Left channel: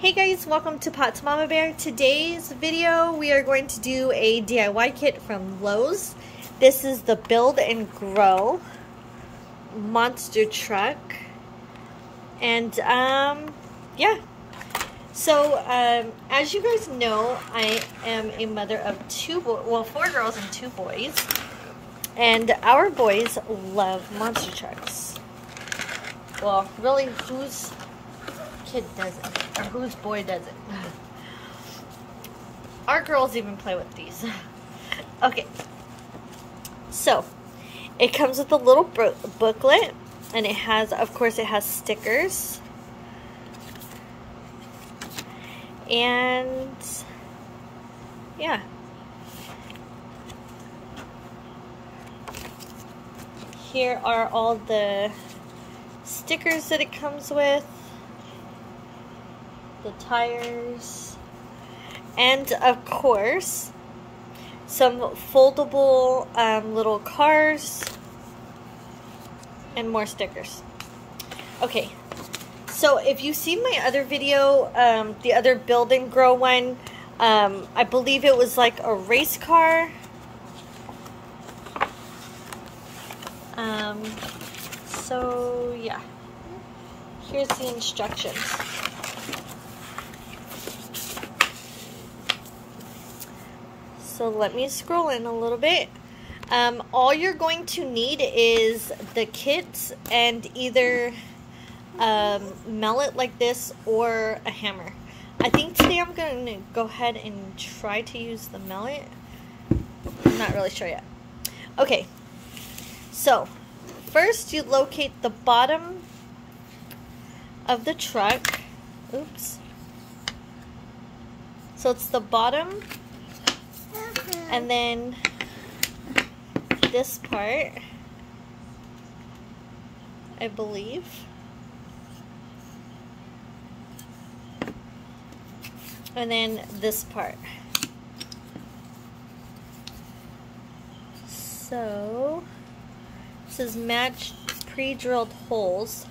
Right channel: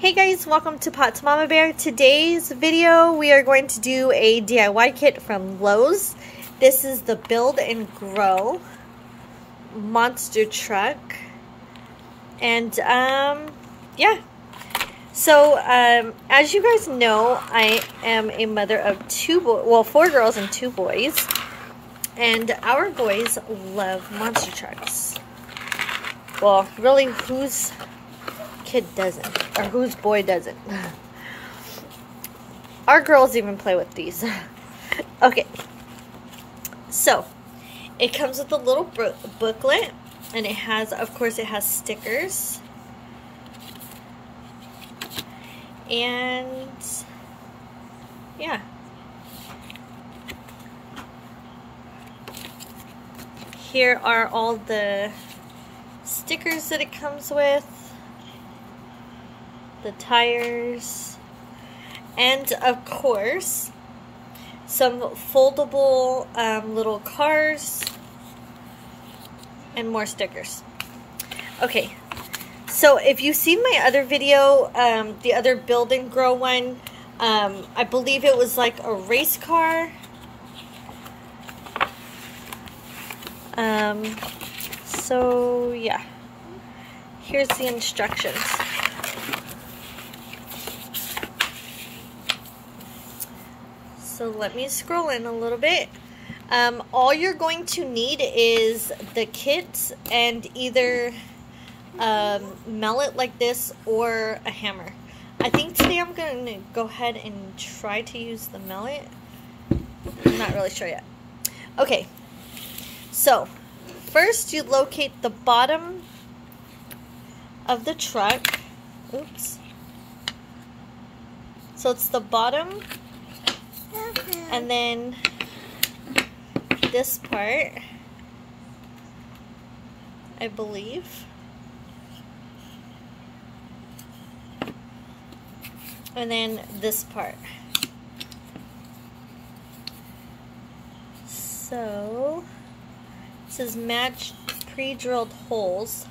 Hey guys, welcome to Pot's Mama Bear. Today's video we are going to do a DIY kit from Lowe's. This is the Build and Grow monster truck. And yeah. So as you guys know, I am a mother of four girls and 2 boys. And our boys love monster trucks. Well, really, whose kid doesn't, or whose boy doesn't? Our girls even play with these. Okay, so it comes with a little booklet, and it has, of course, it has stickers, and yeah, here are all the stickers that it comes with, the tires, and of course some foldable little cars and more stickers. Okay, so if you've seen my other video, the other Build and Grow one, I believe it was like a race car. So yeah, here's the instructions. So let me scroll in a little bit. All you're going to need is the kit and either mallet like this or a hammer. I think today I'm going to go ahead and try to use the mallet. I'm not really sure yet. Okay, so first you locate the bottom of the truck. Oops. So it's the bottom. And then this part, I believe. And then this part. So, it says match pre-drilled holes,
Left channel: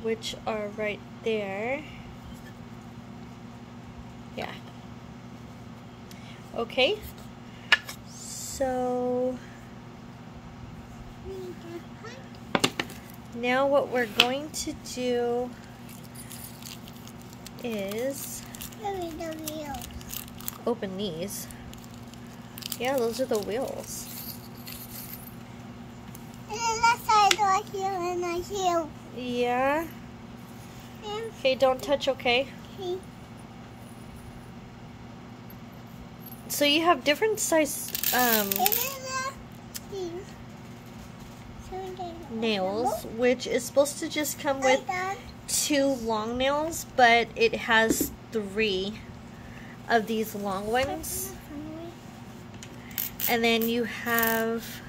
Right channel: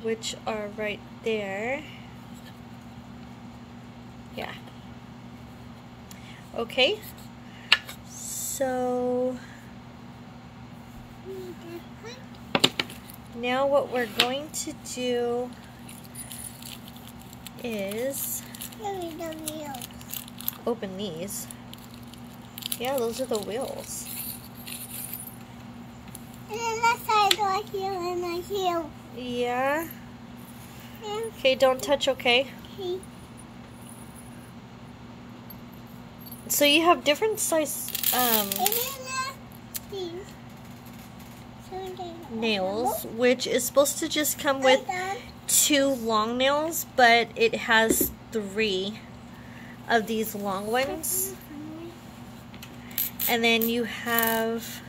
which are right there. Yeah. Okay. So now what we're going to do is open these. Yeah, those are the wheels. And then that side right here and right here. Yeah. Okay, don't touch, okay? Okay. So you have different size nails, which is supposed to just come with 2 long nails, but it has 3 of these long ones. And then you have,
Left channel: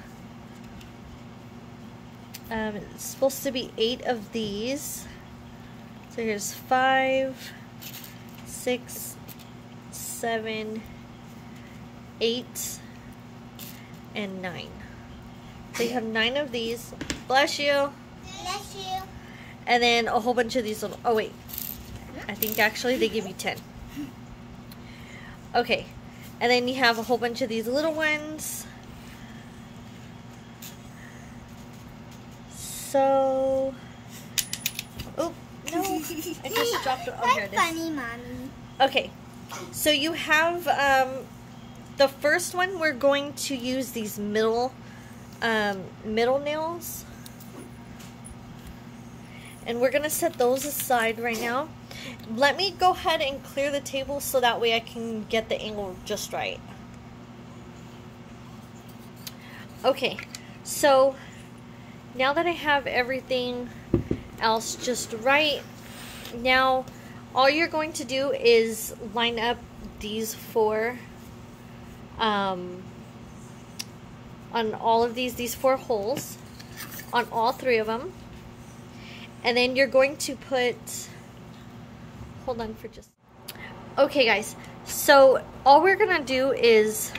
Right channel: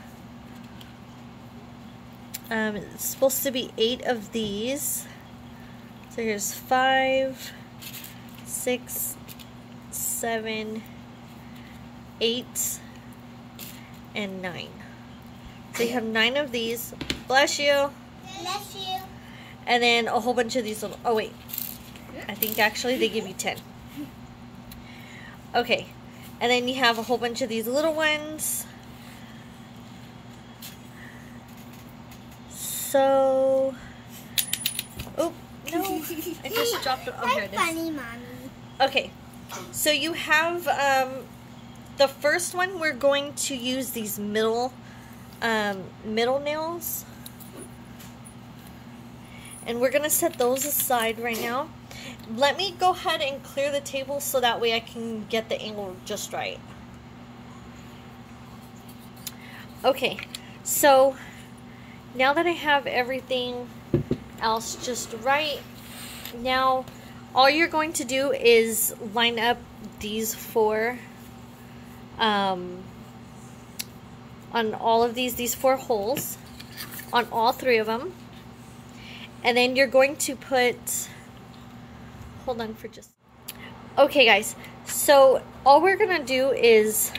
it's supposed to be 8 of these. So here's 5, 6, 7, 8, and 9. So you have 9 of these. Bless you. Bless you. And then a whole bunch of these little, oh wait, I think actually they give you 10. Okay, and then you have a whole bunch of these little ones. So, oh no, I just dropped it. Oh, here it is. Funny, Mommy. Okay, so you have the first one. We're going to use these middle nails, and we're gonna set those aside right now. Let me go ahead and clear the table so that way I can get the angle just right. Okay, so now that I have everything else just right, now all you're going to do is line up these 4 on all of these 4 holes on all 3 of them, and then you're going to put, hold on for just, okay guys, so all we're gonna do is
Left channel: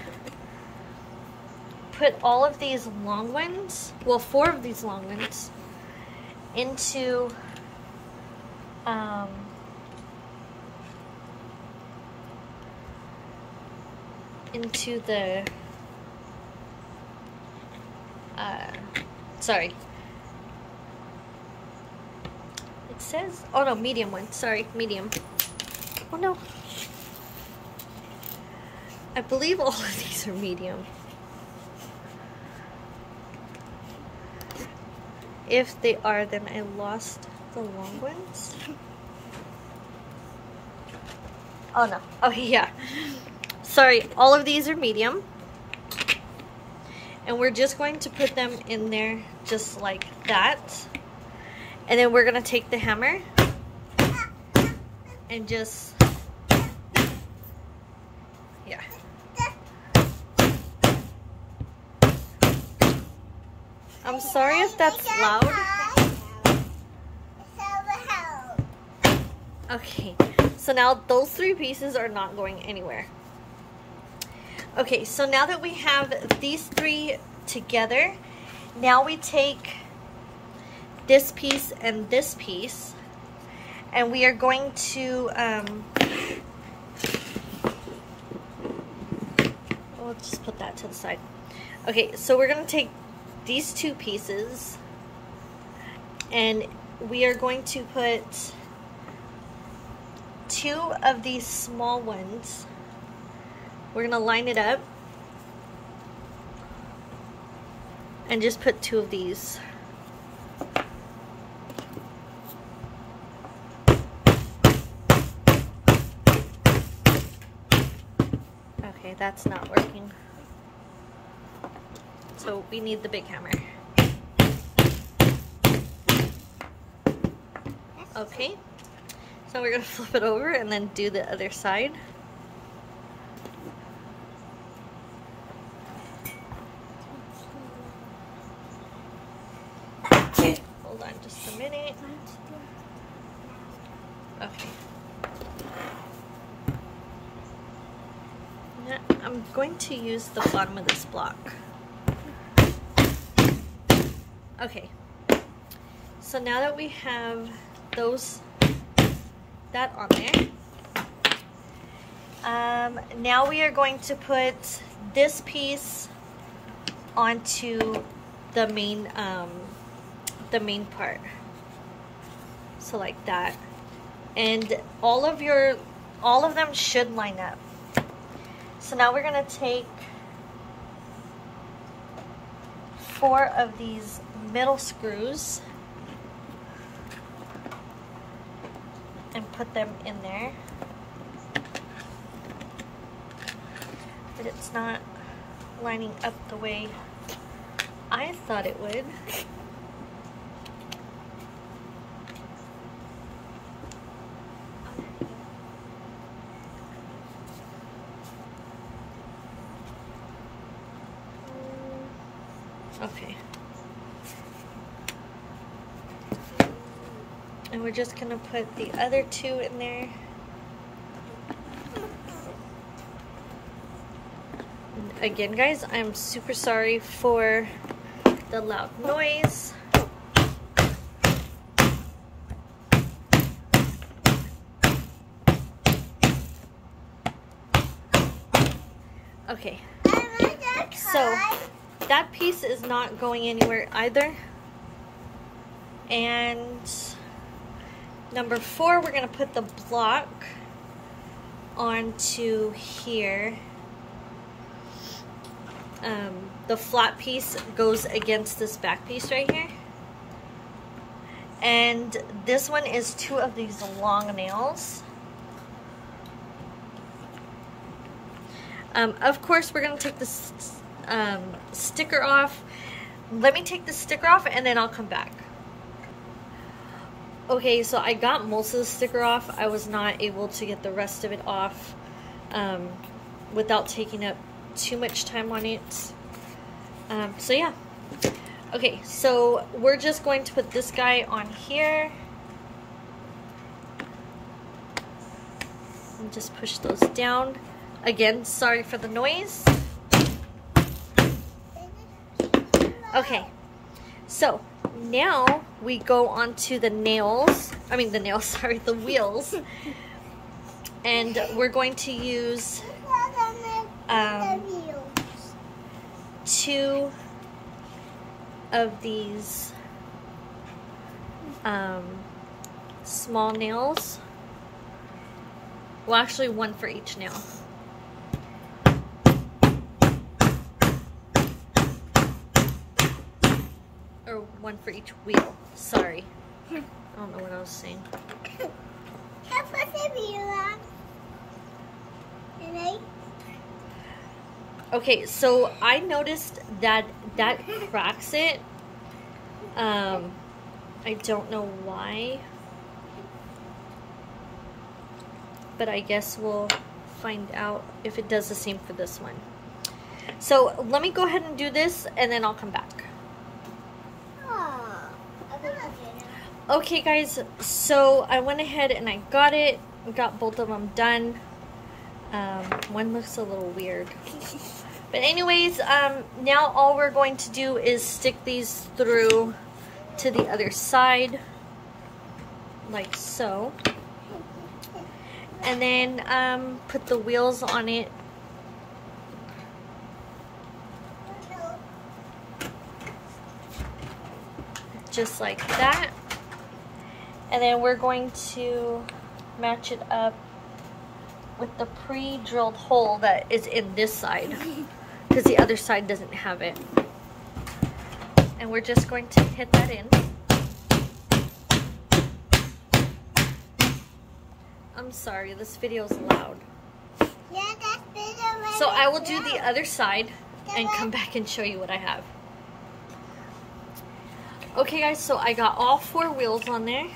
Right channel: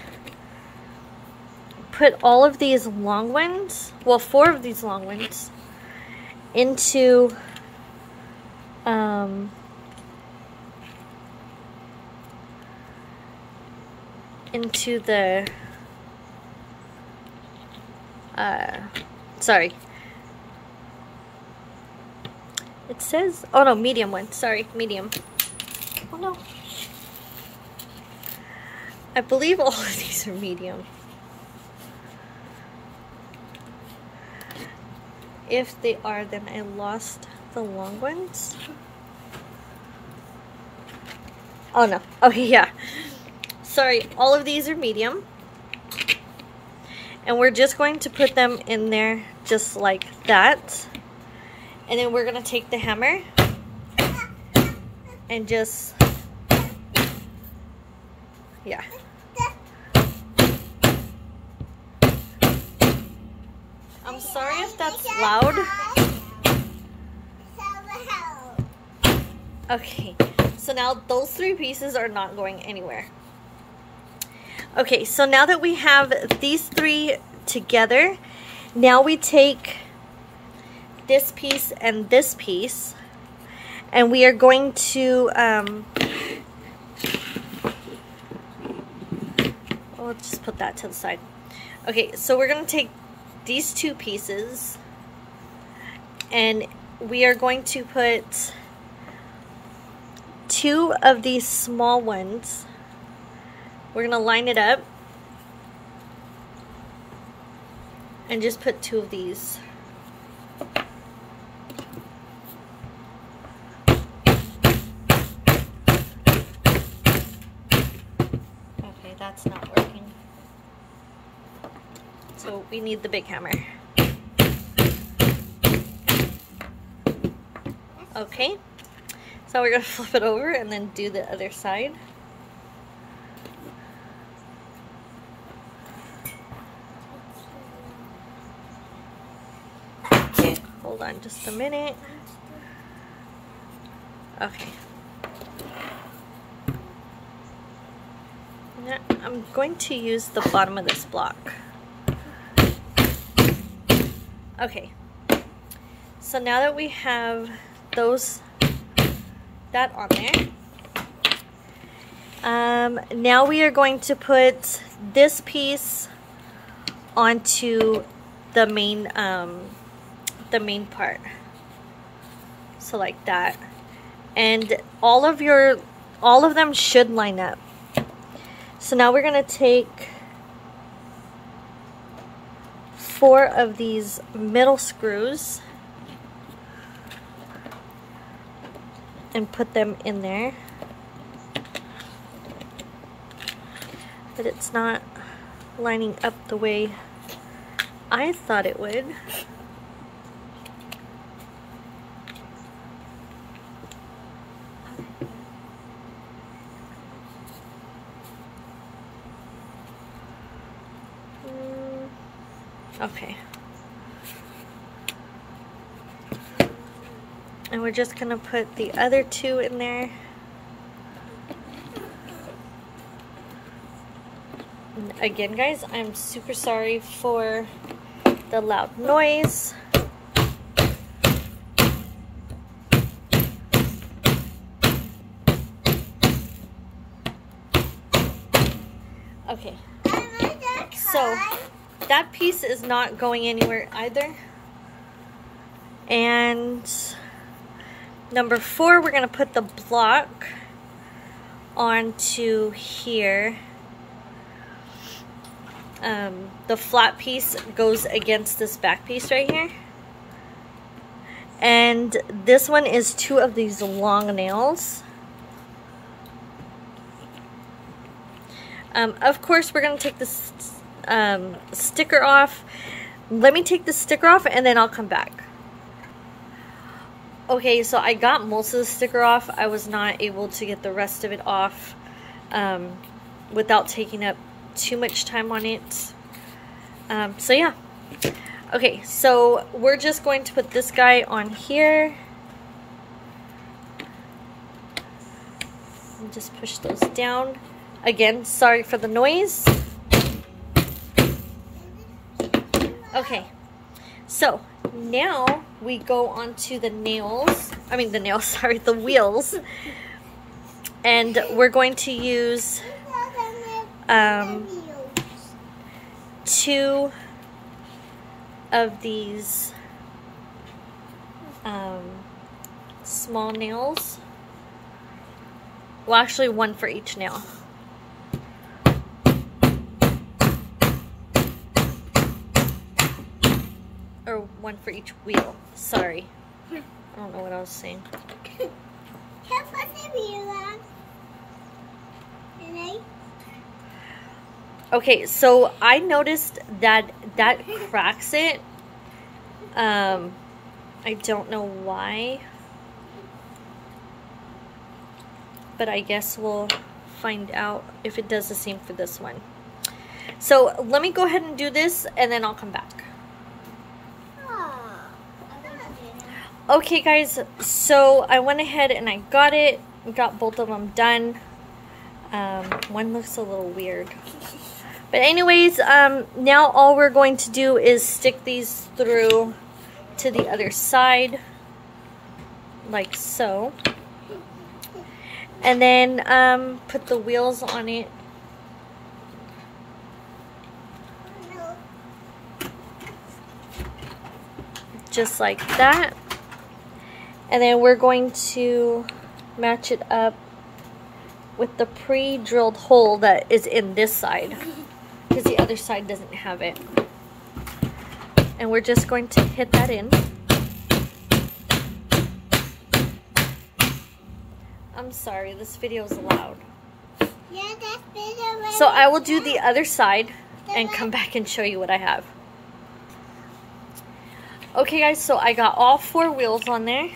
put all of these long ones, well, 4 of these long ones, into the sorry, it says, oh no, medium one, sorry, medium. Oh no, I believe all of these are medium. If they are, then I lost the long ones. Oh no, okay, yeah, sorry, all of these are medium. And we're just going to put them in there just like that. And then we're going to take the hammer and just, yeah. I'm sorry if that's loud. Okay, so now those three pieces are not going anywhere. Okay, so now that we have these three together, now we take this piece and this piece, and we are going to, let's just put that to the side. Okay, so we're going to take these two pieces, and we are going to put two of these small ones. We're going to line it up and just put two of these. Okay, that's not working. So we need the big hammer. Okay, so we're going to flip it over and then do the other side. Hold on just a minute. Okay. Now I'm going to use the bottom of this block. Okay. So now that we have that on there, now we are going to put this piece onto the main part, so like that, and all of them should line up. So now we're gonna take 4 of these middle screws and put them in there, but it's not lining up the way I thought it would. Okay. And we're just gonna put the other 2 in there. And again, guys, I'm super sorry for the loud noise. Okay. So that piece is not going anywhere either. And number 4, we're going to put the block onto here. The flat piece goes against this back piece right here. And this one is 2 of these long nails. Of course, we're going to take this sticker off. Let me take the sticker off and then I'll come back. Okay, so I got most of the sticker off. I was not able to get the rest of it off without taking up too much time on it. So yeah. Okay, so we're just going to put this guy on here. And just push those down. Again, sorry for the noise. Okay, so Now we go on to the nails. I mean the nails, sorry, the wheels. And we're going to use 2 of these small nails. Well, actually 1 for each nail. Or 1 for each wheel. Sorry. I don't know what I was saying. Okay, so I noticed that cracks it. I don't know why. But I guess we'll find out if it does the same for this one. So let me go ahead and do this and then I'll come back. Okay guys, so I went ahead and I got it. Got both of them done. One looks a little weird. But anyways, now all we're going to do is stick these through to the other side. Like so. And then put the wheels on it. Just like that. And then we're going to match it up with the pre-drilled hole that is in this side, because the other side doesn't have it. And we're just going to hit that in. I'm sorry, this video is loud. Yeah, that's video. So I will do the other side and come back and show you what I have. Okay guys, so I got all 4 wheels on there.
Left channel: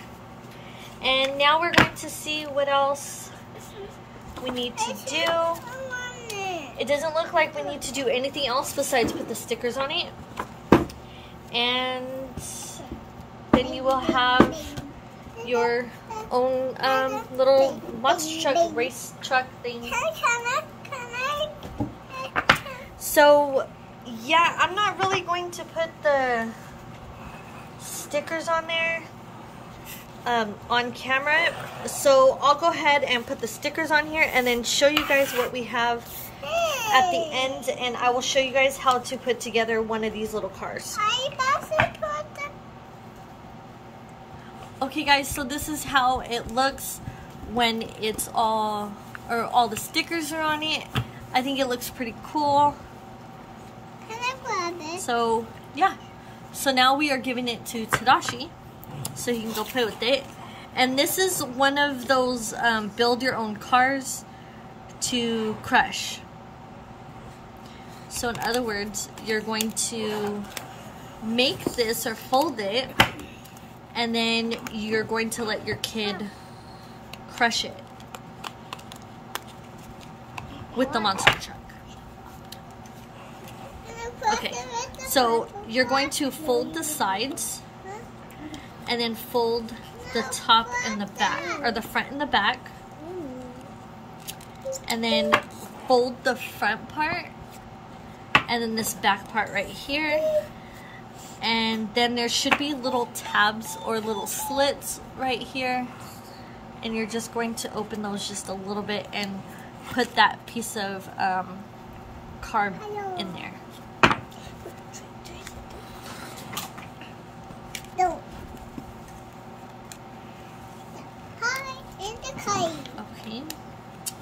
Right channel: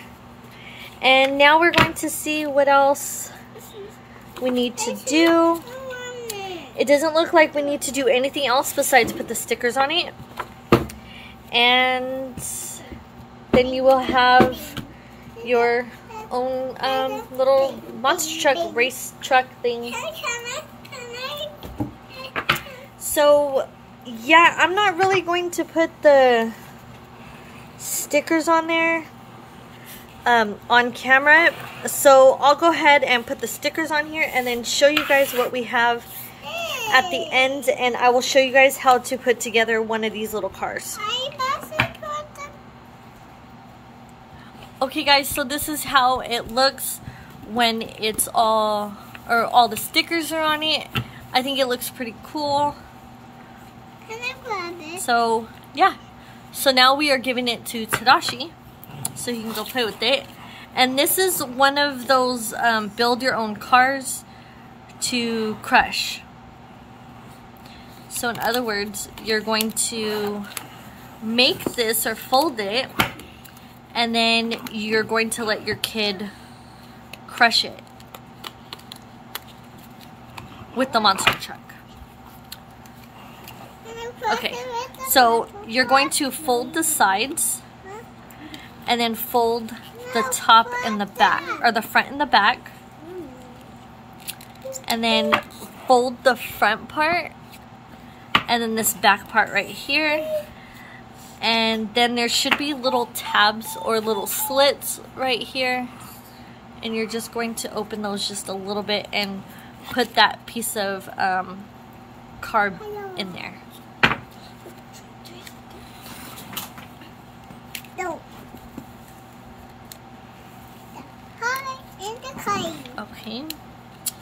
And now we're going to see what else we need to do. It doesn't look like we need to do anything else besides put the stickers on it. And then you will have your own little monster truck, race truck thing. So, yeah, I'm not really going to put the stickers on there on camera. So I'll go ahead and put the stickers on here and then show you guys what we have at the end, and I will show you guys how to put together one of these little cars. Okay guys, so this is how it looks when it's all the stickers are on it. I think it looks pretty cool. Can I grab it? So yeah, so now we are giving it to Tadashi so he can go play with it. And this is one of those build your own cars to crush. So in other words, you're going to make this or fold it, and then you're going to let your kid crush it with the monster truck. Okay, so you're going to fold the sides and then fold the top and the back, or the front and the back, and then fold the front part and then this back part right here. And then there should be little tabs or little slits right here, and you're just going to open those just a little bit and put that piece of card in there. No. Okay,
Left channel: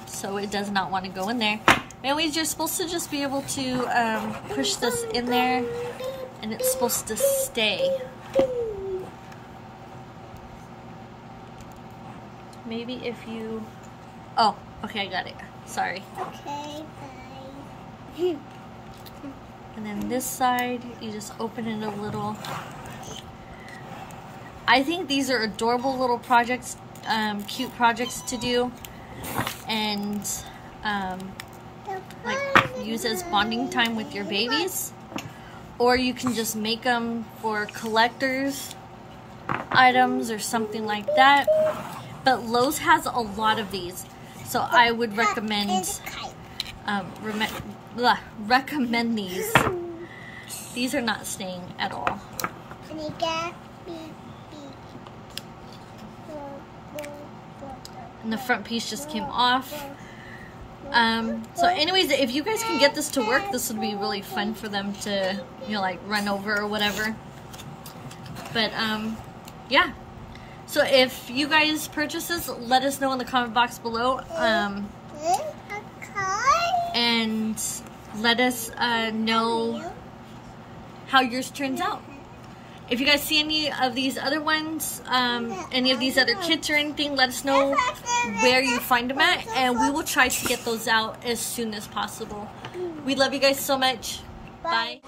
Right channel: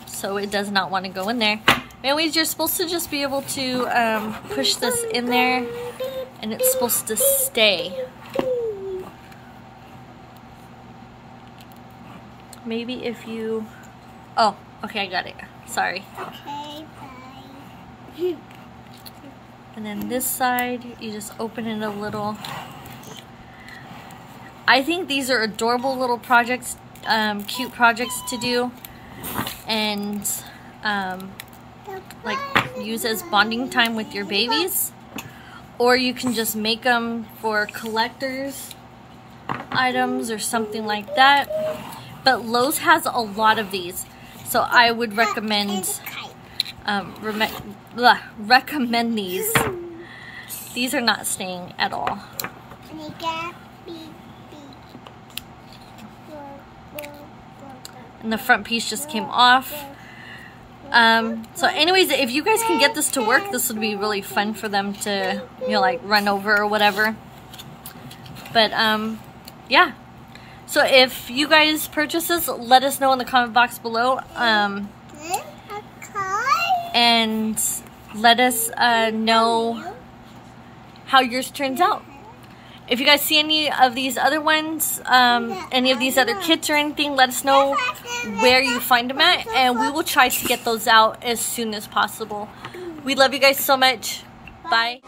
so it does not want to go in there. Anyways, you're supposed to just be able to push this in there, and it's supposed to stay. Maybe if you... Oh, okay, I got it. Sorry. Okay, bye. And then this side, you just open it a little. I think these are adorable little projects, cute projects to do, and like use as bonding time with your babies. Or you can just make them for collectors items or something like that. But Lowe's has a lot of these, so I would recommend recommend these. These are not staying at all. And you got beep, And the front piece just came off. So anyways, if you guys can get this to work, this would be really fun for them to, you know, like run over or whatever. But yeah. So if you guys purchase this, let us know in the comment box below. And let us know how yours turns out. If you guys see any of these other ones, any of these other kits or anything, let us know where you find them at, and we will try to get those out as soon as possible. We love you guys so much. Bye.